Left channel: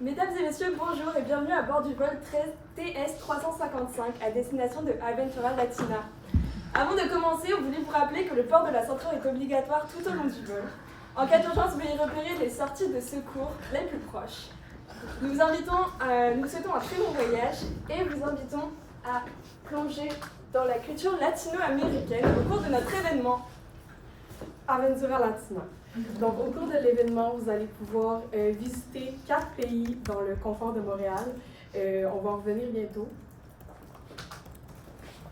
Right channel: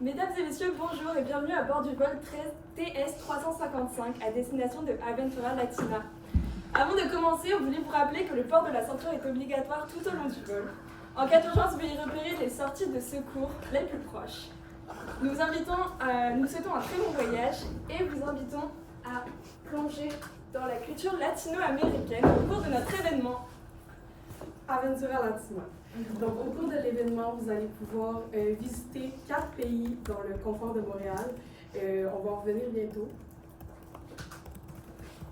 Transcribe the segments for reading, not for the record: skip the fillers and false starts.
Mesdames et messieurs, bonjour et bienvenue à bord du vol TS 355 à destination de Aventura Latina. Avant de commencer, on voulait vous rappeler que le port de la ceinture est obligatoire tout au long du vol. En cas d'urgence, veuillez repérer les sorties de secours les plus proches. Nous vous souhaitons un très bon voyage et vous invitons à plonger dans la culture latino-américaine au cours de notre événement. Aventura Latina. Donc, au cours de l'événement, vous allez pouvoir visiter 4 pays dans le confort de Montréal. On va en revenir bientôt.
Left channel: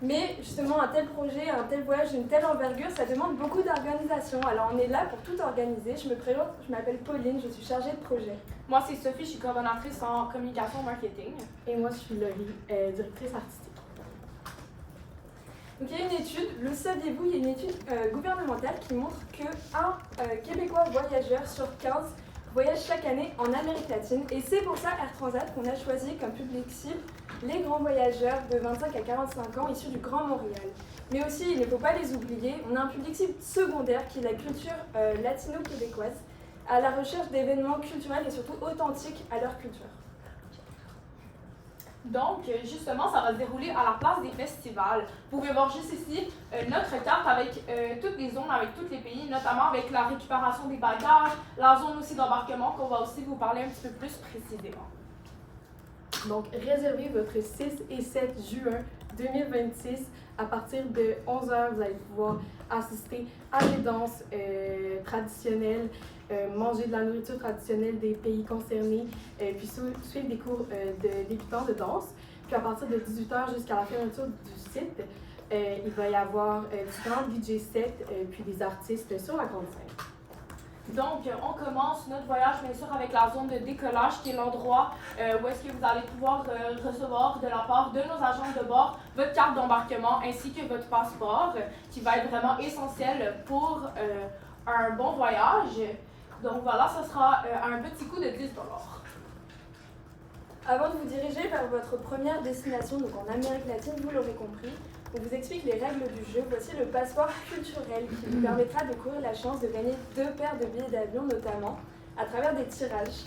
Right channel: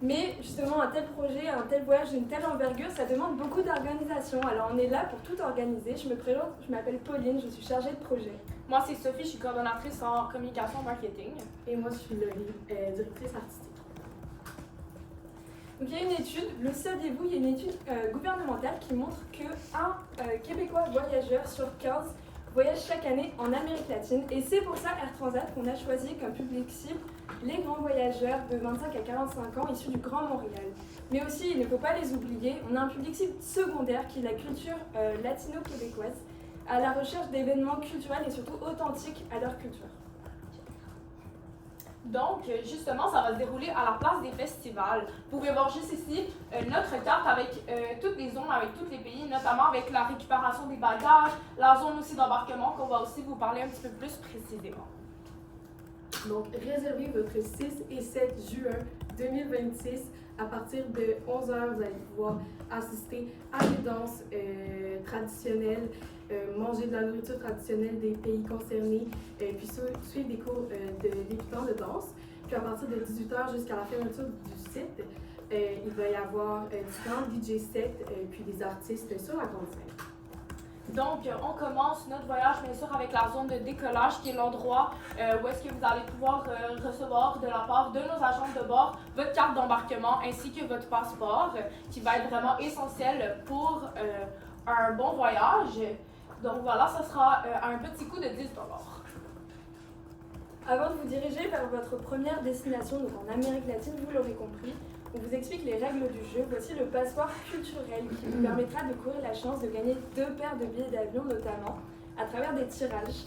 Mais justement, un tel projet, un tel voyage d'une telle envergure, ça demande beaucoup d'organisation. Alors on est là pour tout organiser. Je me présente, je m'appelle Pauline, je suis chargée de projet. Moi, c'est Sophie, je suis coordonnatrice en communication marketing. Et moi, je suis Laurie, directrice artistique. Donc il y a une étude, le saviez-vous, il y a une étude gouvernementale qui montre qu'un Québécois voyageur sur 15 voyage chaque année en Amérique latine. Et c'est pour ça Air Transat qu'on a choisi comme public cible les grands voyageurs de 25 à 45 ans issus du Grand Montréal. Mais aussi, il ne faut pas les oublier, on a un public cible secondaire qui est la culture latino-québécoise, à la recherche d'événements culturels et surtout authentiques à leur culture. Donc, justement, ça va se dérouler à la place des festivals. Vous pouvez voir juste ici notre carte avec toutes les zones, avec tous les pays, notamment avec la récupération des bagages, la zone aussi d'embarquement qu'on va aussi vous parler un petit peu plus précisément. Donc, réservez votre 6 et 7 juin 2026 à partir de 11h. Vous allez pouvoir assister à des danses traditionnelles, manger de la nourriture traditionnelle des pays concernés, puis suivre des cours de débutants de danse. Puis à partir de 18h jusqu'à la fermeture du site, il va y avoir différents DJ sets puis des artistes sur la grande scène. Donc, on commence notre voyage, bien sûr, avec la zone de décollage, qui est l'endroit où est-ce que vous allez pouvoir recevoir de la part de nos agents de bord votre carte d'embarquement ainsi que votre passeport, qui va être vraiment essentiel pour un bon voyage. Donc voilà, ce sera un petit coût de 10 $. Avant de vous diriger vers votre première destination, donc en Amérique latine, vous l'aurez compris, on vous explique les règles du jeu. Voici le passeport culturel qui vous permettra de courir la chance de gagner 2 paires de billets d'avion notamment à travers des tirages.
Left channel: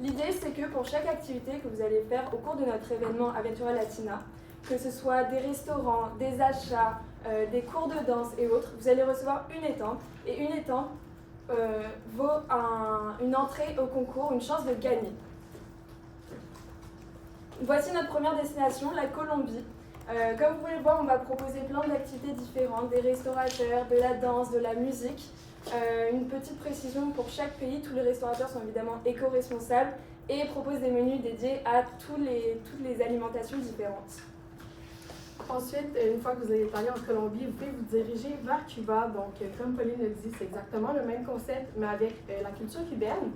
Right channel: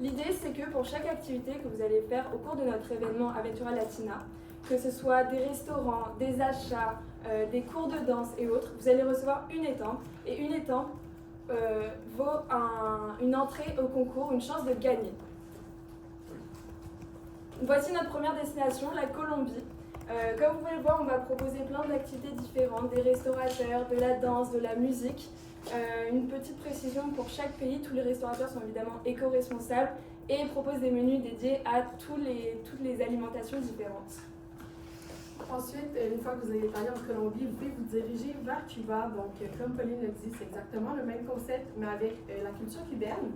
L'idée c'est que pour chaque activité que vous allez faire au cours de notre événement Aventura Latina, que ce soit des restaurants, des achats, des cours de danse et autres, vous allez recevoir une étampe et une étampe vaut une entrée au concours, une chance de gagner. Voici notre première destination, la Colombie. Comme vous pouvez le voir, on va proposer plein d'activités différentes, des restaurateurs, de la danse, de la musique. Une petite précision pour chaque pays, tous les restaurateurs sont évidemment éco-responsables et proposent des menus dédiés à toutes les alimentations différentes. Ensuite, une fois que vous allez allé en Colombie, vous pouvez vous diriger vers Cuba. Donc, comme Pauline le dit, c'est exactement le même concept, mais avec la culture cubaine.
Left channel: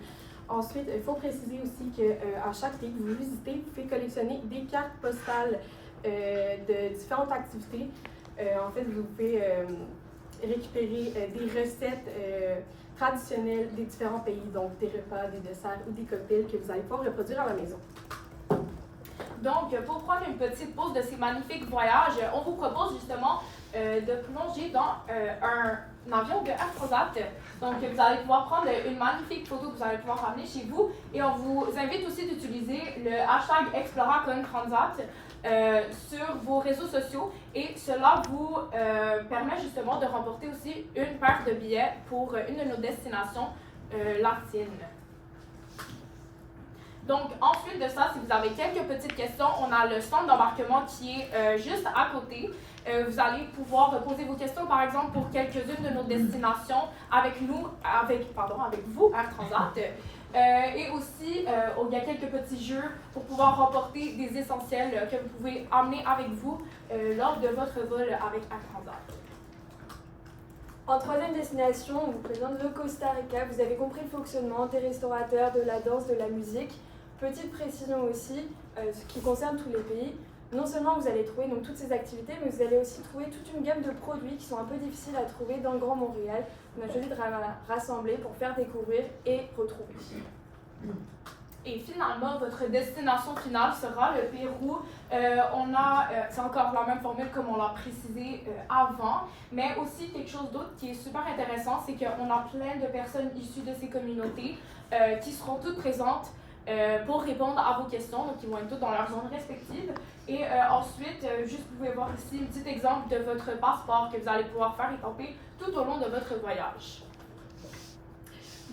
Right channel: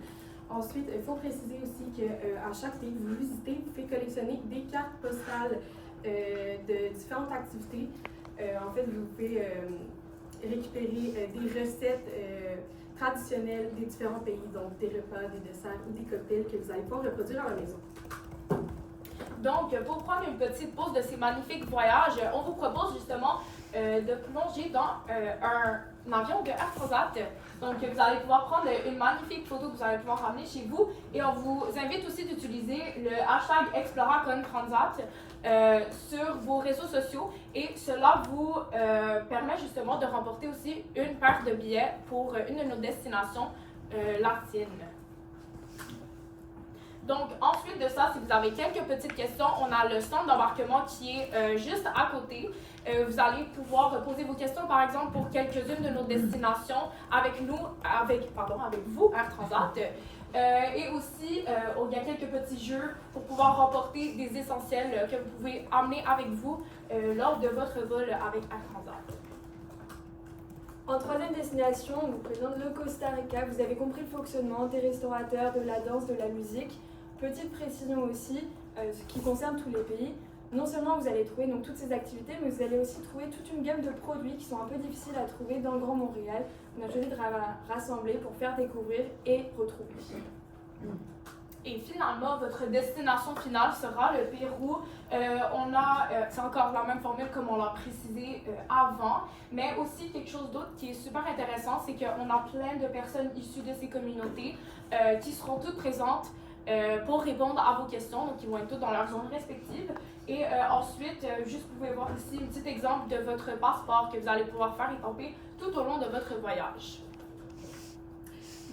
Ensuite, il faut préciser aussi qu'à chaque pays que vous visitez, vous pouvez collectionner des cartes postales de différentes activités. En fait, vous pouvez récupérer des recettes traditionnelles des différents pays, donc des repas, des desserts ou des cocktails que vous allez pouvoir reproduire à la maison. Donc, pour prendre une petite pause de ces magnifiques voyages, on vous propose justement de plonger dans un avion de Air Transat. Donc, vous allez pouvoir prendre une magnifique photo que vous allez pouvoir ramener chez vous. Et on vous invite aussi d'utiliser le hashtag ExploraConTransat sur vos réseaux sociaux. Et cela vous permet justement de remporter aussi une paire de billets pour une de nos destinations latines. Donc, ensuite de ça, si vous avez quelques petites questions, on a le centre d'embarquement qui est juste à côté. Vous allez pouvoir poser vos questions, par exemple, pour quelques-unes de nos destinations avec vous, Air Transat. Et aussi, il y a quelques petits jeux pour pouvoir remporter des essentiels que vous pouvez amener avec vous lors de votre vol avec Air Transat. En troisième destination, on vous présente le Costa Rica. Vous avez compris le fonctionnement des restaurateurs, de la danse, de la musique. Petite précision aussi, ce qui concerne tous les pays. Non seulement vous allez trouver donc, toutes ces activités, mais vous allez aussi trouver toute une gamme de produits qui sont un peu difficiles à trouver dans le Grand Montréal. On a choisi de rassembler pour faire découvrir et retrouver. Et finalement, votre destination finale sera le Pérou. C'est encore la même formule comme on l'a précisé avant, mais aussi quelque chose d'autre qui est super intéressant, c'est qu'on a plein de personnes issues de ces communautés qui seront toutes présentes pour répondre à vos questions, donc ils vont être toutes dans leur zone respective. Et ensuite, juste vous pouvez voir ici un petit exemple de votre passeport que vous allez pouvoir faire étamper tout au long de votre voyage.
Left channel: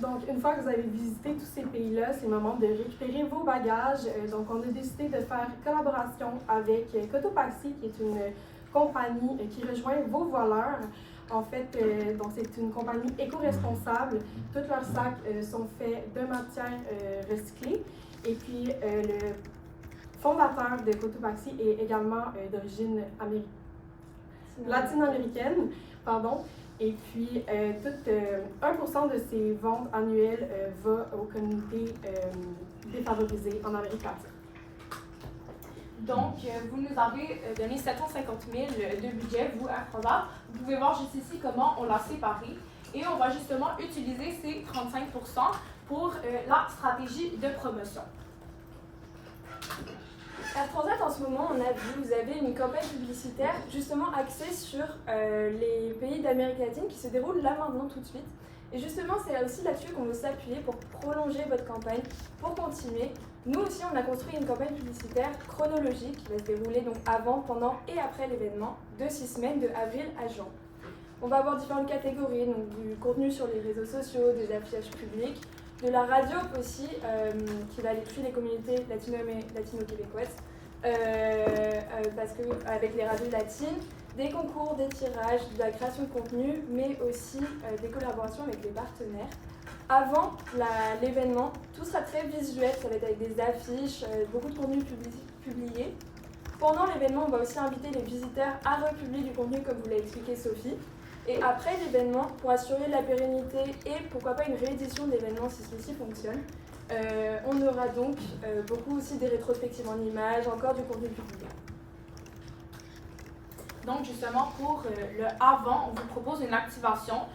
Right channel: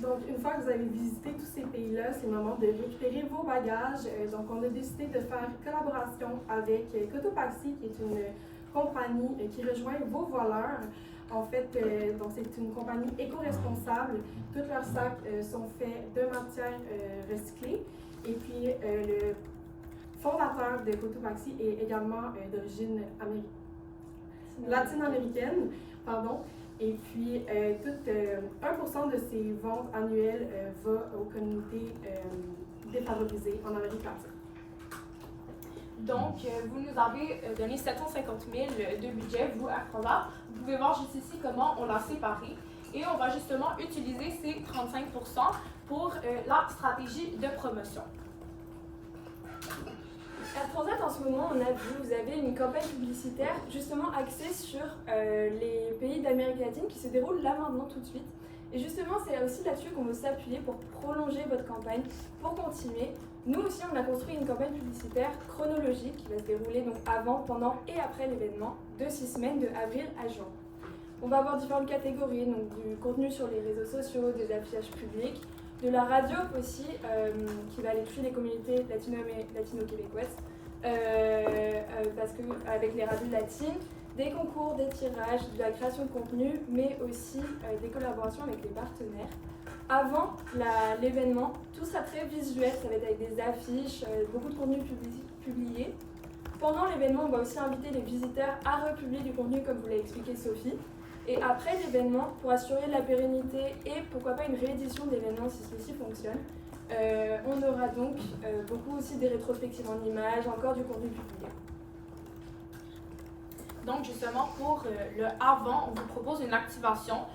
Donc, une fois que vous avez visité tous ces pays-là, c'est le moment de récupérer vos bagages. Donc, on a décidé de faire collaboration avec Cotopaxi, qui est une compagnie qui rejoint vos voleurs. En fait, donc c'est une compagnie éco-responsable. Tous leurs sacs sont faits de matières recyclées. Et puis, le fondateur de Cotopaxi est également d'origine latino-américaine. Pardon. Et puis, 1% de ces ventes annuelles va aux communautés défavorisées en Amérique latine. Donc, vous nous avez donné 750 000 de budget, vous, Air Transat. Vous pouvez voir juste ici comment on l'a séparé. Et on va justement utiliser ces 35 % pour la stratégie de promotion. Air Transat, en ce moment, on a vu, vous avez une campagne publicitaire justement axée sur les pays d'Amérique latine qui se déroule là maintenant tout de suite. Et justement, c'est aussi là-dessus qu'on veut s'appuyer pour prolonger votre campagne, pour continuer. Nous aussi, on a construit une campagne publicitaire chronologique qui va se dérouler donc avant, pendant et après l'événement de 6 semaines, de avril à juin. On va avoir différentes catégories, donc du contenu sur les réseaux sociaux, des affichages publics, de la radio aussi, qui va aller toucher les communautés latino-québécoises, parce que avec les radios latines, des concours, des tirages, de la création de contenu, mais aussi des collaborations avec les partenaires. Avant l'événement, tout sera très visuel, ça va être avec des affiches, beaucoup de contenu publié. Pendant l'événement, on va aussi inviter les visiteurs à republier du contenu, comme vous l'a expliqué Sophie. Et après l'événement, pour assurer la pérennité et pourquoi pas une réédition de l'événement si ceci fonctionne, on aura donc beaucoup aussi des rétrospectives en images, encore du contenu publié. Donc justement, pour le avant, on vous propose une activation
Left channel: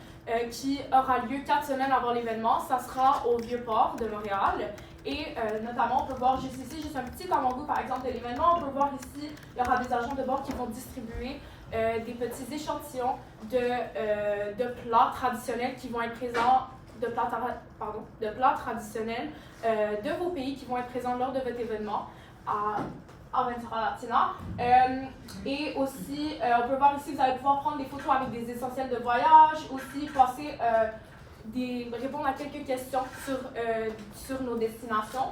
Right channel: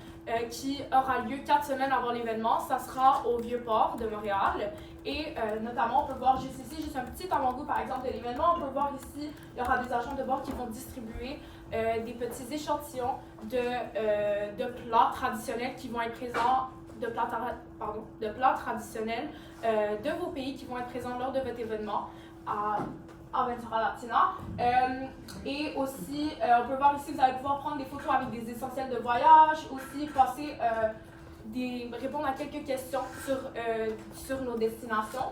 qui aura lieu 4 semaines avant l'événement. Ça sera au Vieux-Port de Montréal. Et notamment, on peut voir juste ici, juste un petit avant-goût par exemple de l'événement. On peut voir ici, il y aura des agents de bord qui vont distribuer des petits échantillons de plats traditionnels qui vont être présents, de plats traditionnels de vos pays qui vont être présents lors de votre événement à Ventura Latina. Et aussi, on peut voir ici, vous allez pouvoir prendre des photos avec des essentiels de voyage, aussi passer répondre à quelques questions sur nos destinations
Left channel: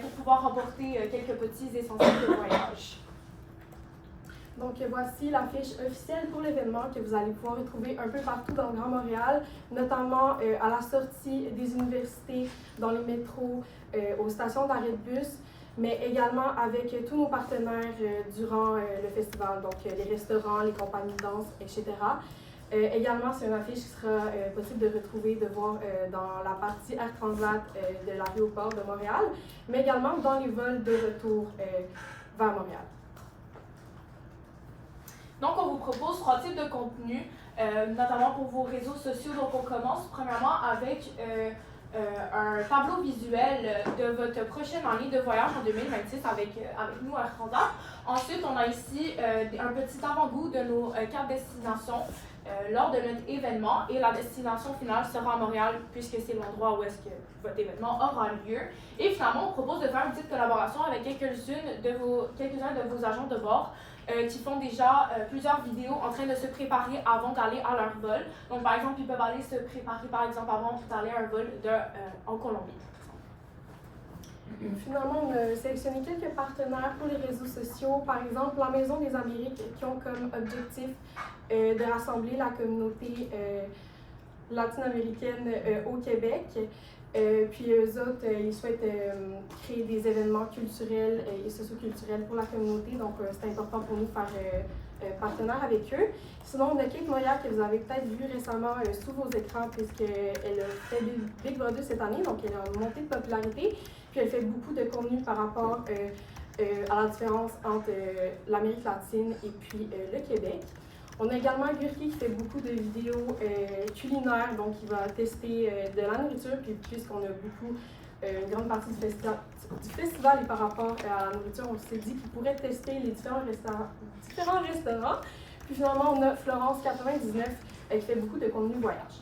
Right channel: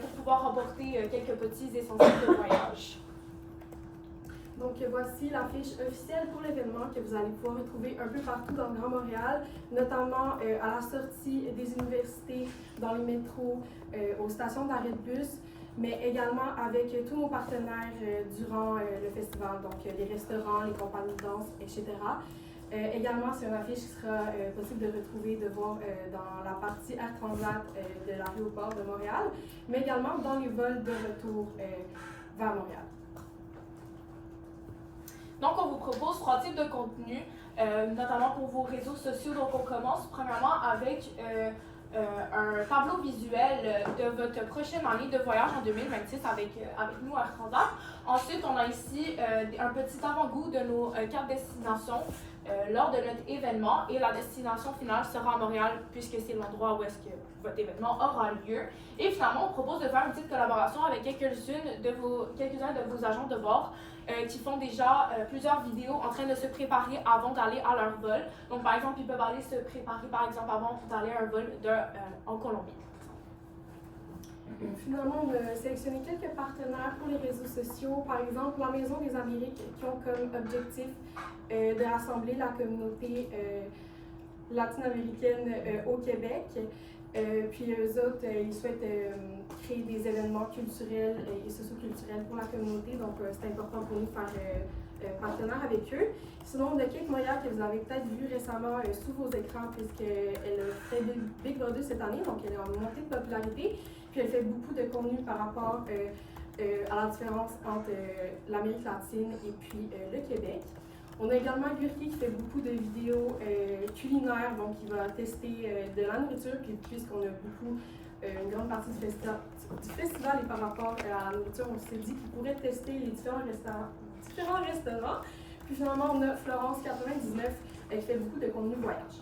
pour pouvoir remporter quelques petits essentiels de voyage. Donc voici la fiche officielle pour l'événement que vous allez pouvoir retrouver un peu partout dans le Grand Montréal, notamment à la sortie des universités, dans les métros, aux stations d'arrêt de bus, mais également avec tous nos partenaires durant le festival, donc les restaurants, les compagnies de danse, etc. Également, c'est une affiche qui sera possible de retrouver, de voir dans la partie Air Transat de l'aéroport de Montréal, mais également dans les vols de retour vers Montréal. Donc, on vous propose 3 types de contenus, notamment pour vos réseaux sociaux. Donc, on commence premièrement avec un tableau visuel de votre prochaine année de voyage en 2026 avec nous à Air Transat. Ensuite, on a ici un petit avant-goût de nos 4 destinations lors de notre événement. Et la destination finale sera à Montréal puisque c'est l'endroit où est-ce que votre événement aura lieu. Et finalement, on propose de faire une petite collaboration avec quelques-uns de vos agents de bord qui font déjà plusieurs vidéos en train de se préparer avant d'aller à leur vol. Donc, par exemple, ils peuvent aller se préparer, par exemple, avant d'aller à un vol en Colombie. Finalement, on a sélectionné quelques partenaires pour les réseaux sociaux. Par exemple, la Maison des Amériques qui ont comme objectif de rassembler la communauté latino-américaine au Québec. Puis eux autres, ils souhaitent créer des événements culturels et socioculturels pour la communauté. Donc, c'est important pour nous de faire partenaire avec eux. Sinon, on a Kate Moya que vous avez peut-être vu récemment sous vos écrans puisqu'elle a fait Big Brother cette année. Donc, elle est en montée de popularité. Puis, elle fait beaucoup de contenu par rapport à la différence entre l'Amérique latine et puis le Québec. On a également Gurki qui fait beaucoup de vidéos culinaires, donc il va tester de la nourriture, puis puisqu'on a beaucoup une grande partie du festival est par rapport à la nourriture. On s'est dit qu'ils pourraient tester les différents restaurants. Puis finalement, on a Florence 99 qui fait beaucoup de contenu voyage.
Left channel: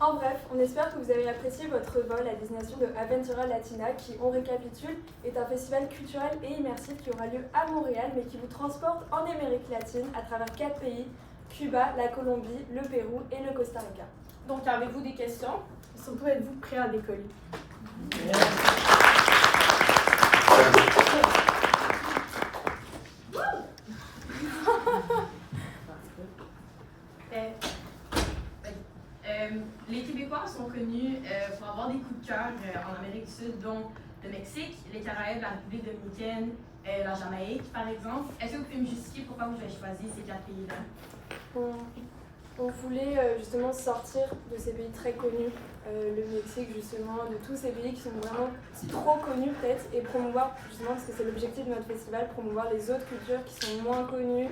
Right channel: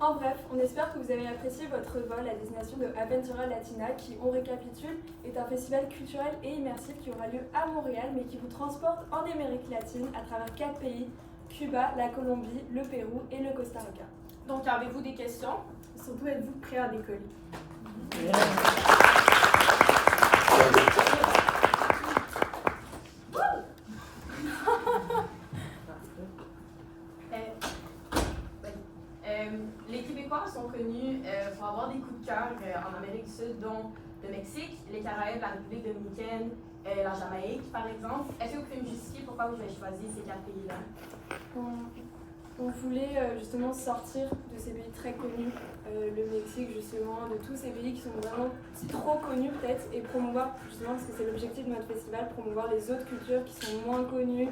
En bref, on espère que vous avez apprécié votre vol à destination de Aventura Latina qui, on récapitule, est un festival culturel et immersif qui aura lieu à Montréal mais qui vous transporte en Amérique latine à travers 4 pays, Cuba, la Colombie, le Pérou et le Costa Rica. Donc, avez-vous des questions? Surtout, êtes-vous prêts à décoller? Les Québécois sont connus pour avoir des coups de cœur en Amérique du Sud, dont le Mexique, les Caraïbes, la République dominicaine, la Jamaïque, par exemple. Est-ce que vous pouvez me justifier pourquoi vous avez choisi ces 4 pays-là? On voulait justement sortir de ces pays très connus, le Mexique justement, de tous ces pays qui sont vraiment trop connus peut-être, et promouvoir justement, parce que c'est l'objectif de notre festival, promouvoir les autres cultures qui sont moins connues,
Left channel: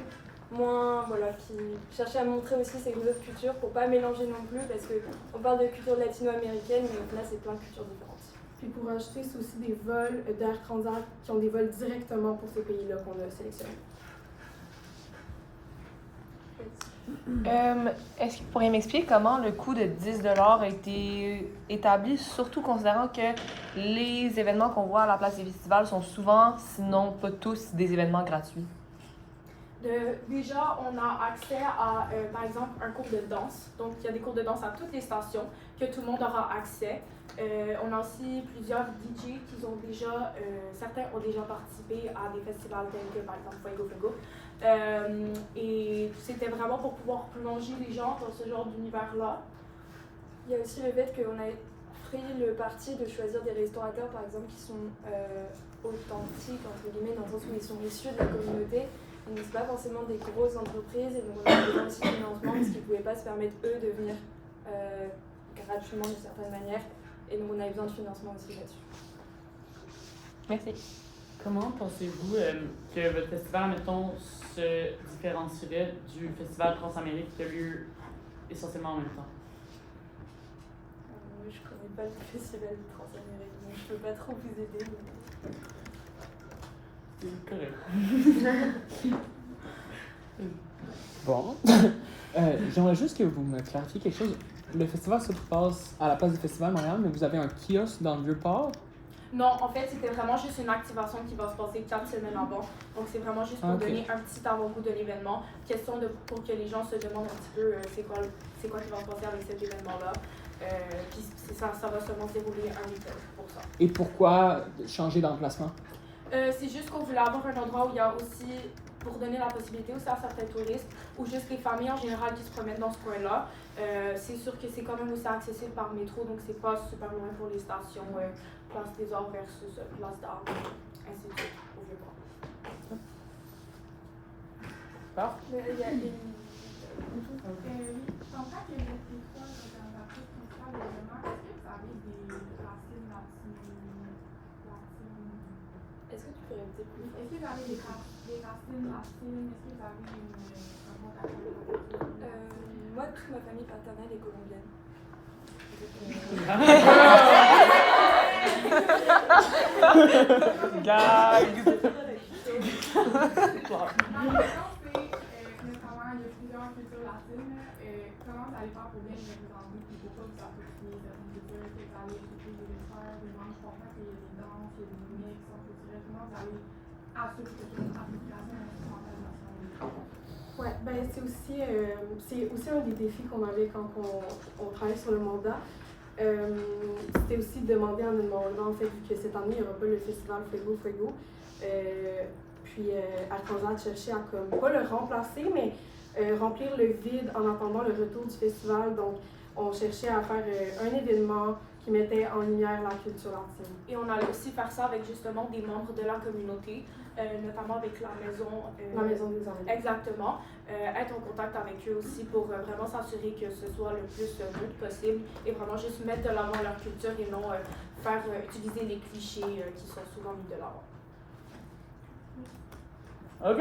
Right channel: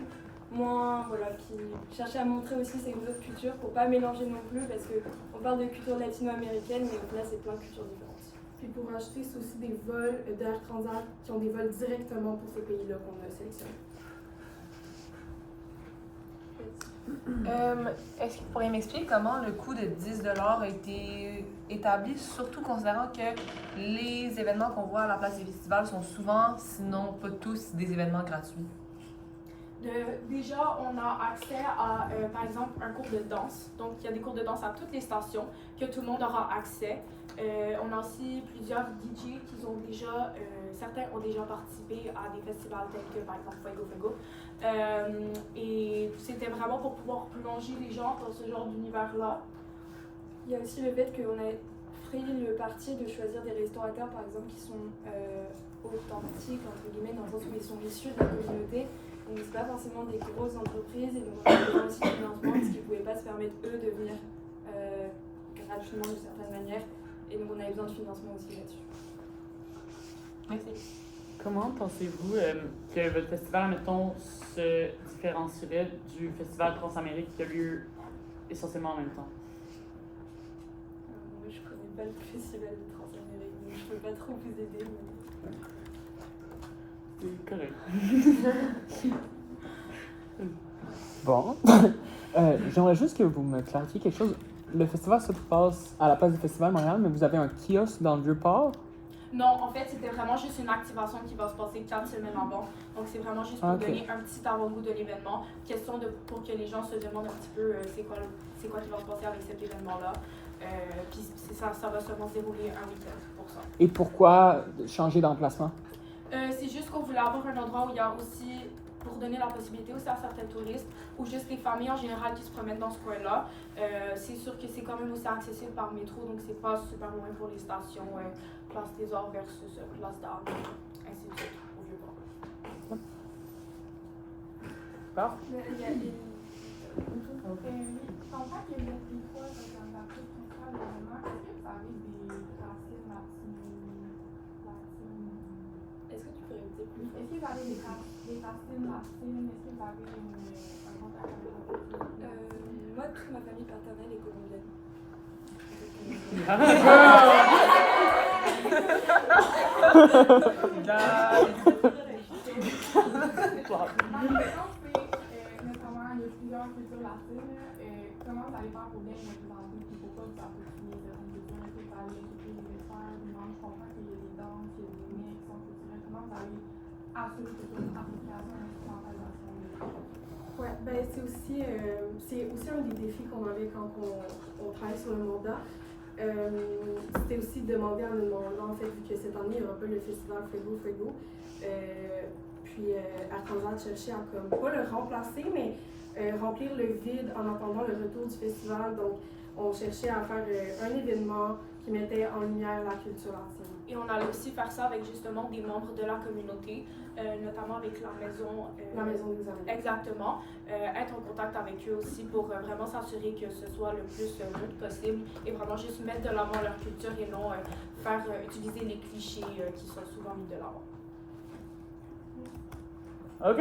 qui cherchaient à montrer aussi ces autres cultures pour pas mélanger non plus, parce qu'on parle de culture latino-américaine, mais là c'est plein de cultures différentes. Puis pour ajouter, c'est aussi des vols d'Air Transat qui ont des vols directement pour ces pays-là qu'on a sélectionnés. Est-ce que vous pourriez m'expliquer comment le coût de 10 $ a été établi, surtout considérant que les événements qu'on voit à la place des festivals sont souvent, sinon pas tous, des événements gratuits? Déjà, on a accès à, par exemple, un cours de danse. Donc, il y a des cours de danse à toutes les stations que tout le monde aura accès. On a aussi plusieurs DJ qui ont déjà, certains ont déjà participé à des festivals tels que, par exemple, Fuego Fuego. Et c'était vraiment pour pouvoir plonger les gens dans ce genre d'univers-là. Il y a aussi le fait qu'on a pris le parti de choisir des restaurateurs, par exemple, qui sont authentiques, entre guillemets, dans le sens où ils sont issus de la communauté. Donc, c'est pas forcément des grosses entreprises, et donc on a besoin aussi de financement parce qu'ils ne pouvaient pas se permettre, eux, de venir gratuitement d'une certaine manière. Et donc, on avait besoin de financement aussi là-dessus. Merci. Comment pensez-vous que votre festival, mettons, se différencierait du festival Transamérique qui a lieu essentiellement en même temps? Moi, je connais pas le festival de Transamérique, donc je peux pas trop vous aider. Mais... C'est correct. Bon. J'aimerais juste que vous me clarifiez quelque chose. Le festival se passe à la place du Festival Montréal, mais vous avez un kiosque dans le Vieux-Port? Non, en fait, c'était vraiment juste une activation qui va se passer 4 semaines avant. Donc, c'est vraiment juste pour donner un petit avant-goût de l'événement. Question pour que les gens se demandent un petit peu c'est quoi qui va se passer avec cet événement-là. Puis ça va seulement se dérouler un week-end pour ça. Et pourquoi changer d'emplacement? C'est juste qu'on voulait avoir un endroit où il y a aussi, pour donner la possibilité aussi à certains touristes, ou juste les familles en général qui se promènent dans ce coin-là. C'est sûr que c'est quand même aussi accessible par métro, donc c'est pas super loin pour les stations. Place des Arts versus Place d'Arts, ainsi de suite, au Vieux-Port. Il y a une... En tant que Québécois, organisatrice principale de l'événement, est-ce que vous avez des racines latines? Est-ce que tu peux répéter plus fort? Est-ce que vous avez des racines latines? Est-ce que vous avez un contact avec la culture? Moi, toute ma famille paternelle est colombienne. Notamment, il y a plusieurs cultures latines. Comment vous allez faire pour bien représenter puis pourquoi vous appropriez certaines cultures? Est-ce que vous allez chercher des experts, des gens? Je comprends qu'il y a des danses, il y a des mix, culturels. Comment vous allez assurer que c'est une appropriation et une instrumentalisation des cultures? Ouais, ben c'est aussi un des défis qu'on avait quand on travaille sur le mandat. C'était aussi de demander en demandant, en fait, vu que cette année, il n'y aura pas le festival Fuego Fuego. Puis Air Transat cherchait à, comme, pas le remplacer, mais remplir le vide en attendant le retour du festival. Donc, on cherchait à faire un événement qui mettait en lumière la culture latine. Et on allait aussi faire ça avec justement des membres de la communauté, notamment avec la maison. La maison des Anglais. Exactement. Être en contact avec eux aussi pour vraiment s'assurer que ce soit le plus neutre possible et vraiment juste mettre de l'avant leur culture et non faire utiliser les clichés qui sont souvent mis de l'avant. OK!